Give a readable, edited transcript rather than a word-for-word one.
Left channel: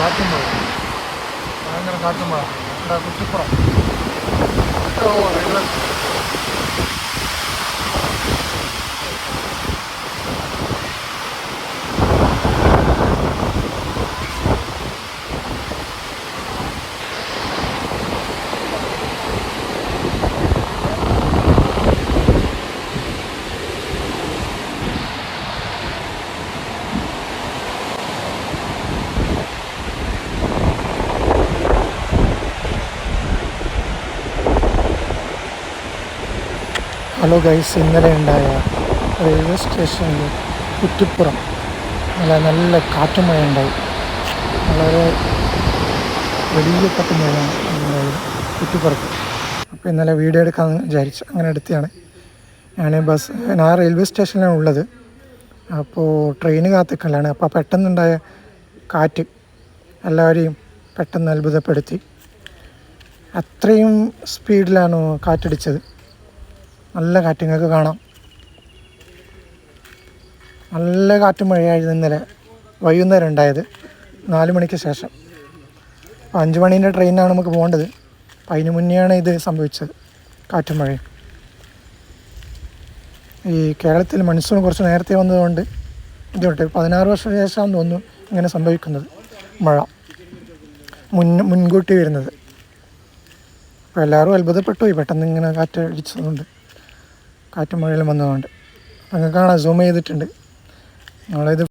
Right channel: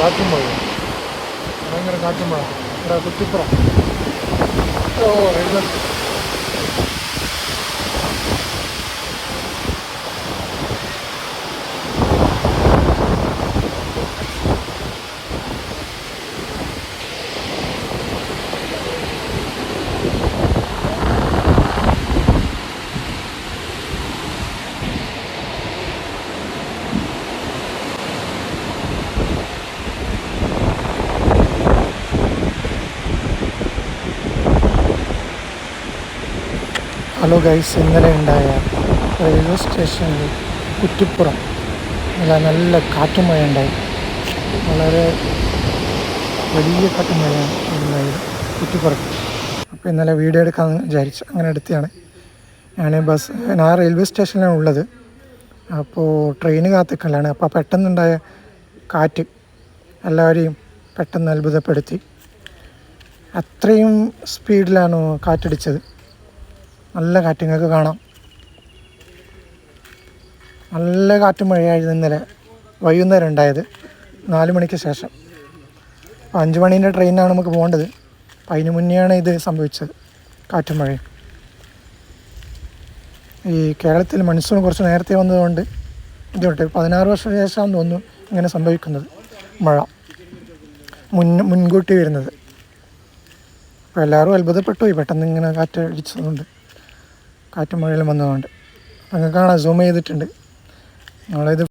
കാറ്റും മഴ, ഭയങ്കര കാറ്റും മഴ. കുറ്റിപ്പുറം ഹലോ ഗൈസ്, ഇന്നലെ ഉണ്ടായ റെയിൽവേ സ്റ്റേഷനിൽ കുറ്റിപ്പുറം നല്ല കാറ്റും മഴയുണ്ടായി. വളരെ വലിയ കാറ്റും മഴയാണ് ഉണ്ടായത് കുറ്റിപ്പുറത്ത്. അപ്പോൾ ഇന്നലെ വീഡിയോ എടുക്കാമെന്ന് വിചാരിച്ചു, അങ്ങനെ എടുത്തതാണ്. ഞാൻ റെയിൽവേ സ്റ്റേഷനിലാണ് ഉള്ളത്. അപ്പോൾ ട്രെയിന് കാത്തിക്കലാണ്. അപ്പോൾ പെട്ടെന്നുണ്ടായ കാറ്റ് എല്ലാവരെയും പെട്ടെന്ന് അത്ഭുതപ്പെടുത്തി. അത്രയും സ്പീഡിലാണ് കാറ്റടിച്ചത്. നല്ല കാറ്റ് നിങ്ങൾക്ക് കാണാം. നല്ല കാറ്റും മഴയായിരുന്നു ഇന്നലെ വൈകുന്നേരം ഉണ്ടായത്, 4 മണിക്ക് ശേഷം. അപ്പോൾ 5 മണീൻ്റെ ട്രെയിനാണ് നമുക്ക് പോകേണ്ടത്. അപ്പോൾ അതിന് മുന്നെയാണ് ഇത് സംഭവിച്ചത്, കാറ്റും മഴയും. ഈ കേരളത്തിൽ മൺസൂൺ കുറച്ച് നേരത്തെ വന്നതുകൊണ്ട് ഇതുകൊണ്ട് 16 വർഷത്തിന് ശേഷമാണെന്ന് തോന്നുന്നു ഇങ്ങനെ സംഭവിക്കുന്നത്. മഴ മുൻകൂട്ടി വരുന്നത്. അപ്പോൾ എല്ലാവരും അത്ഭുതപ്പെട്ടു പോയി പെട്ടെന്ന് ഇങ്ങനെ കാറ്റ് അടിച്ചതുകൊണ്ട്, കാറ്റും മഴയിലും വന്നതുകൊണ്ട്. നിങ്ങൾക്ക് കാണാം, സൂം ചെയ്തിട്ടുണ്ട്. നമ്മളിത്